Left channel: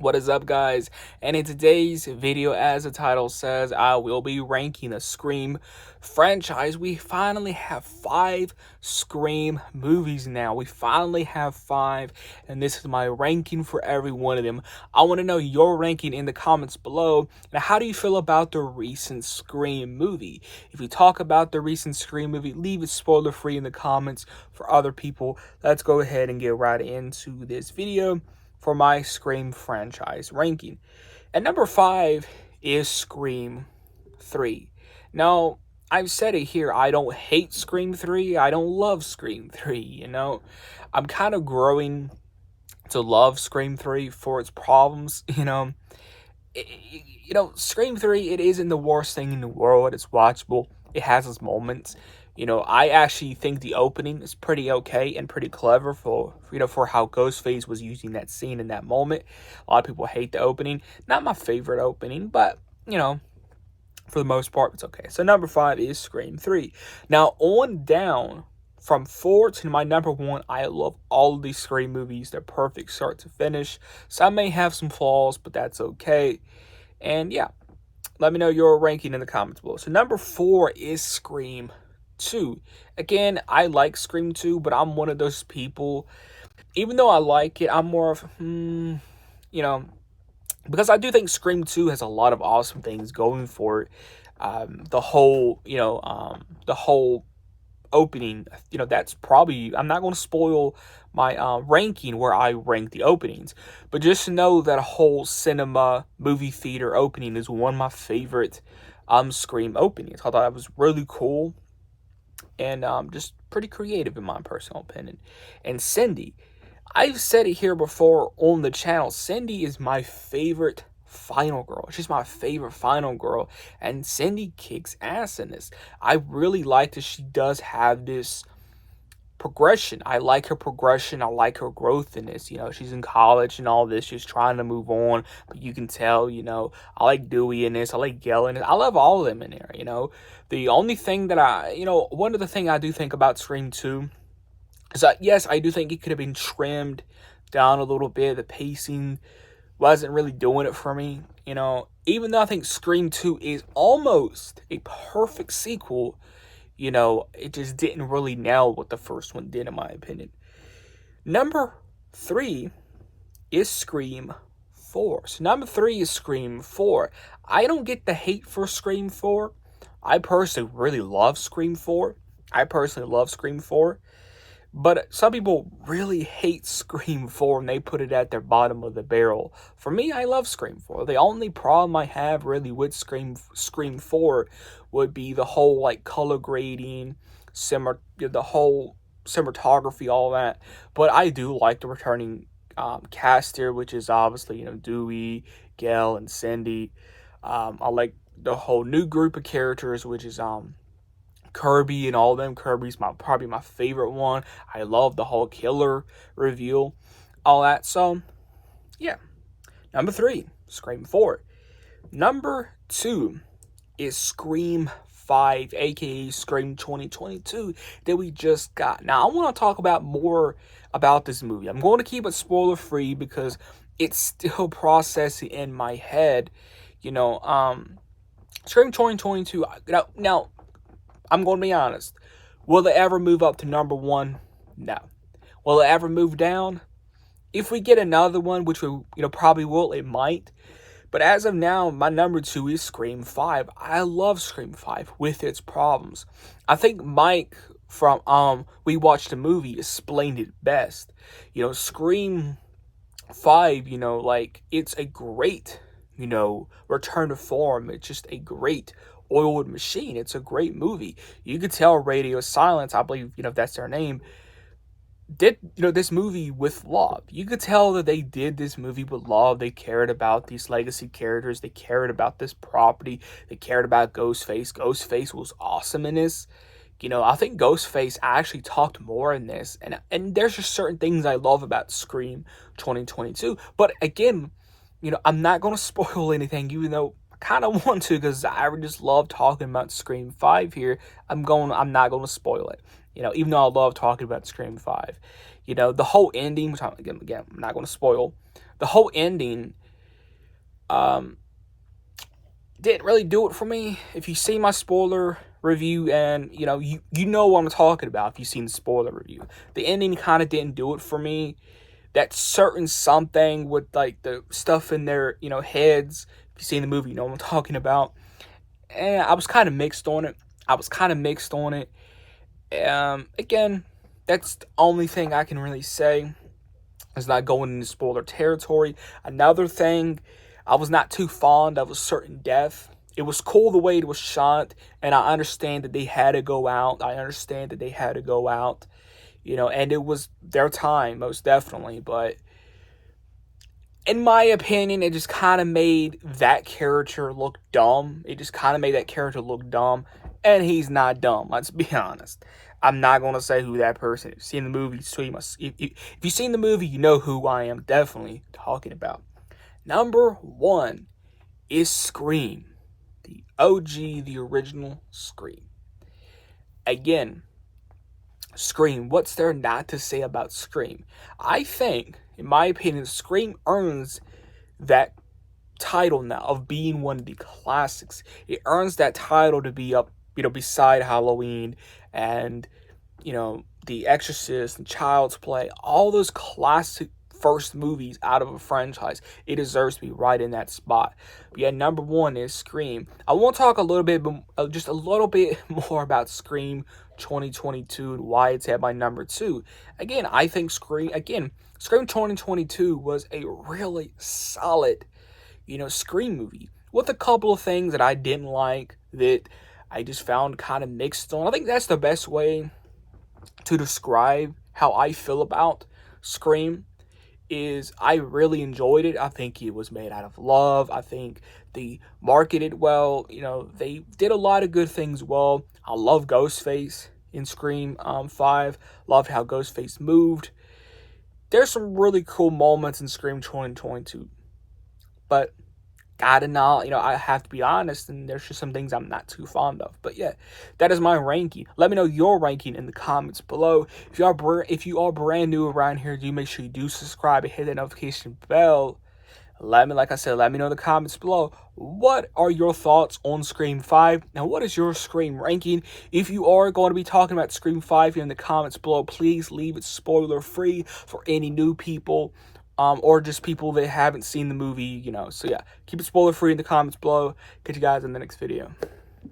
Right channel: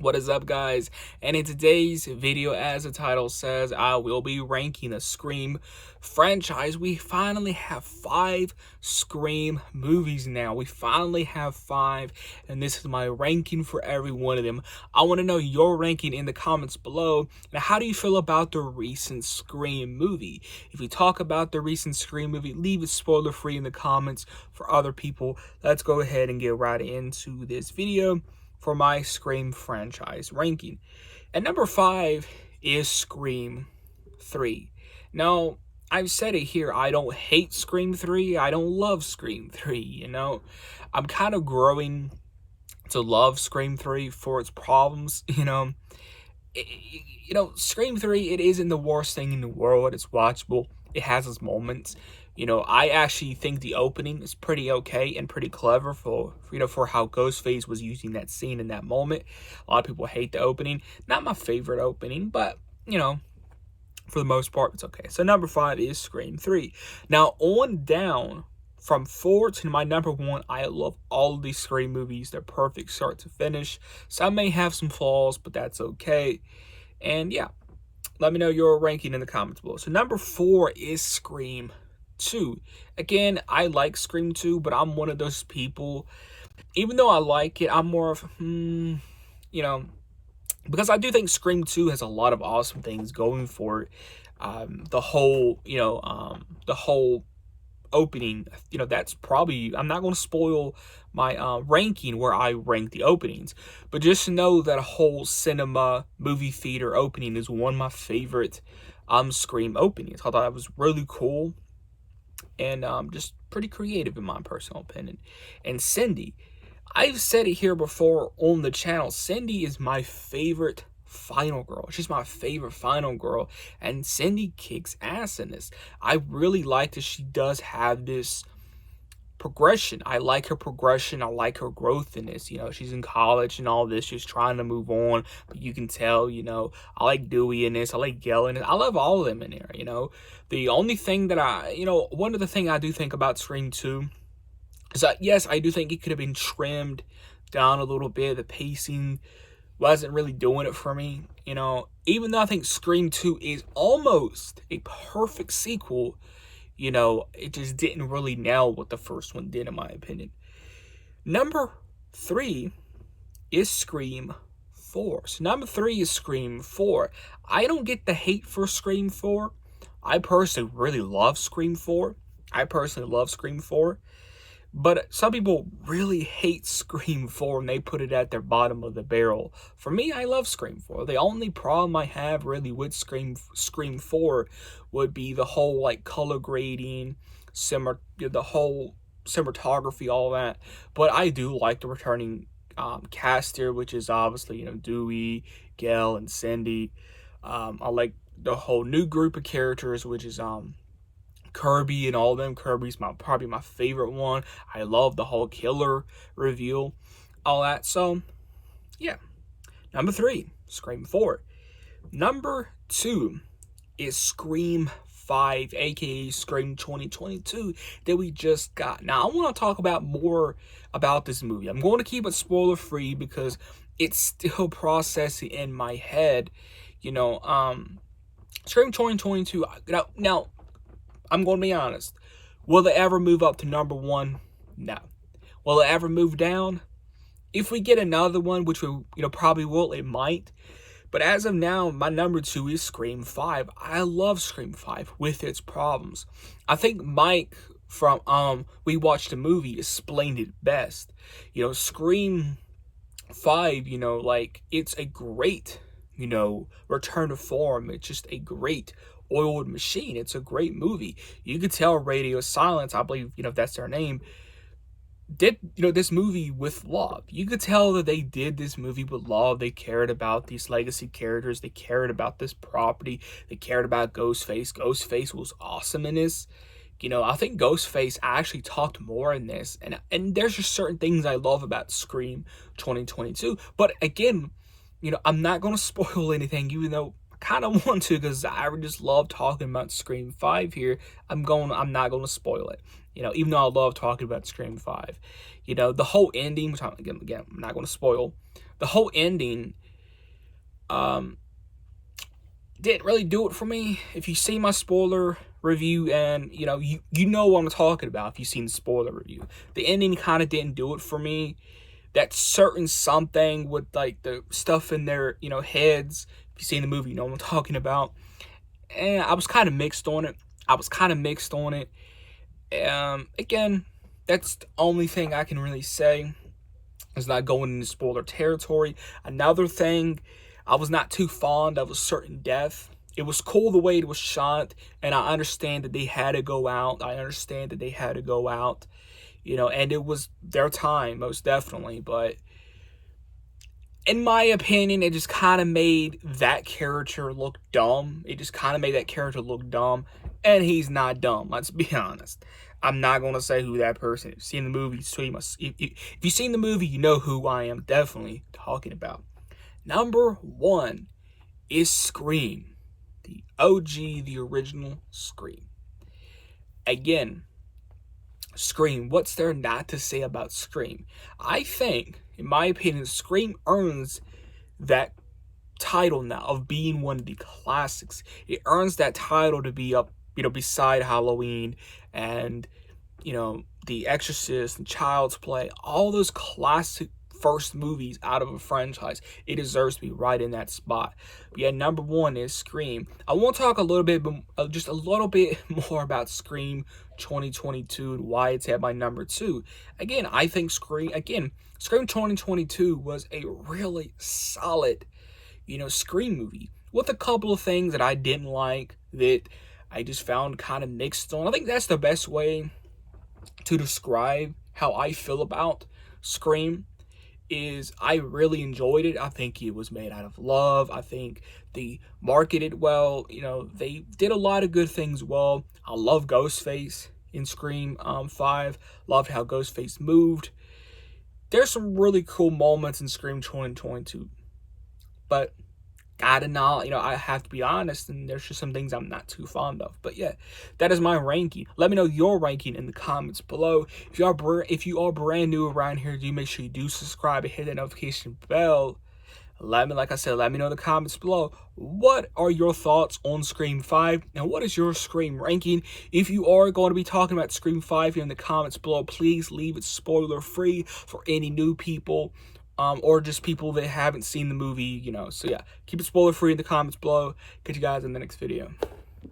What is up, guys? And in today's video, as the title says, I will be ranking the Scream franchise. We finally have 5 Scream movies now. We finally have 5, and this is my ranking for every one of them. I want to know your ranking in the comments below. Now, how do you feel about the recent Scream movie? If you talk about the recent Scream movie, leave it spoiler free in the comments for other people. Let's go ahead and get right into this video for my Scream franchise ranking. At number 5 is Scream 3. Now, I've said it here, I don't hate Scream 3, I don't love Scream 3, I'm kind of growing to love Scream 3 for its problems, Scream 3, it isn't the worst thing in the world, it's watchable, it has its moments. I actually think the opening is pretty okay and pretty clever for how Ghostface was using that scene in that moment. A lot of people hate the opening. Not my favorite opening, but, for the most part, it's okay. So number 5 is Scream 3. Now, on down from 4 to my number 1, I love all of these Scream movies. They're perfect start to finish. Some may have some flaws, but that's okay. And yeah, let me know your ranking in the comments below. So number 4 is Scream 2. Again, I like Scream 2, but I'm one of those people, even though I like it, I'm more of, because I do think Scream 2 has a lot of awesome things going for it. The whole opening, that's probably, I'm not going to spoil my ranking where I rank the openings, but just to know that a whole cinema movie theater opening is one of my favorite Scream openings. I thought that was really cool and just pretty creative in my personal opinion. And Cindy, I've said it here before on the channel, Cindy is my favorite final girl. She's my favorite final girl, and Cindy kicks ass in this. I really like that she does have this progression. I like her progression. I like her growth in this. She's in college and all this. She's trying to move on, but you can tell, I like Dewey in this. I like Gail in it. I love all of them in there, The only thing that one of the things I do think about Scream 2 is that, yes, I do think it could have been trimmed down a little bit. The pacing wasn't really doing it for me, Even though I think Scream 2 is almost a perfect sequel, it just didn't really nail what the first one did, in my opinion. Number 3 is Scream 4. So number 3 is Scream 4. I don't get the hate for Scream 4. I personally really love Scream 4. But some people really hate Scream 4 and they put it at their bottom of the barrel. For me, I love Scream 4. The only problem I have really with Scream 4 would be the whole color grading, the whole cinematography, all that. But I do like the returning cast here, which is obviously Dewey, Gail, and Cindy. I like the whole new group of characters, which is Kirby and all of them. Kirby's probably my favorite one. I love the whole killer reveal, all that. So yeah, number 3, Scream 4. Number 2 is Scream 5, aka Scream 2022, that we just got. Now, I want to talk about more about this movie. I'm going to keep it spoiler free because it's still processing in my head. Scream 2022. Now, I'm going to be honest. Will it ever move up to number 1? No. Will it ever move down? If we get another one, which we probably will, it might. But as of now, my number 2 is Scream 5. I love Scream 5 with its problems. I think Mike from We Watched the Movie explained it best. Scream 5, it's a great, return to form. It's just a great oiled machine. It's a great movie. You could tell Radio Silence, I believe, that's their name, did this movie with love. You could tell that they did this movie with love. They cared about these legacy characters. They cared about this property. They cared about Ghostface. Ghostface was awesome in this. I think Ghostface actually talked more in this, and there's just certain things I love about Scream 2022. But again, I'm not going to spoil anything, even though I kind of want to, because I just love talking about Scream 5 here. I'm not going to spoil it. Even though I love talking about Scream 5. The whole ending, again, I'm not going to spoil. The whole ending, Didn't really do it for me. If you see my spoiler review, and you know what I'm talking about if you've seen the spoiler review, the ending kind of didn't do it for me. That certain something with like the stuff in their heads. If you've seen the movie, you know what I'm talking about. And I was kind of mixed on it. Again, that's the only thing I can really say. It's not going into spoiler territory. Another thing, I was not too fond of a certain death. It was cool the way it was shot, and I understand that they had to go out. And it was their time, most definitely. But in my opinion, it just kind of made that character look dumb. And he's not dumb, let's be honest. I'm not going to say who that person is. If you've seen the movie, so if you've seen the movie, you know who I am definitely talking about. Number 1 is Scream. The OG, the original Scream. Again, Scream, what's there not to say about Scream? I think, in my opinion, Scream earns that title now of being one of the classics. It earns that title to be up, beside Halloween and, The Exorcist and Child's Play, all those classic first movies out of a franchise. It deserves to be right in that spot. But yeah, number 1 is Scream. I want to talk just a little bit more about Scream 2022 and why it's at my number 2. Again, I think Scream 2022 was a really solid, Scream movie with a couple of things that I didn't like, that I just found kind of mixed on. I think that's the best way to describe how I feel about Scream. Is I really enjoyed it. I think it was made out of love. I think they marketed well. They did a lot of good things well. I love Ghostface in Scream 5. Love how Ghostface moved. There's some really cool moments in Scream 2022. But I have to be honest, and there's just some things I'm not too fond of. But yeah, that is my ranking. Let me know your ranking in the comments below. If you are brand new around here, do make sure you do subscribe and hit that notification bell. Let me know in the comments below, what are your thoughts on Scream 5? Now, what is your Scream ranking? If you are going to be talking about Scream 5 here in the comments below, please leave it spoiler free for any new people. Or just people that haven't seen the movie, So yeah, keep it spoiler free in the comments below. Catch you guys in the next video.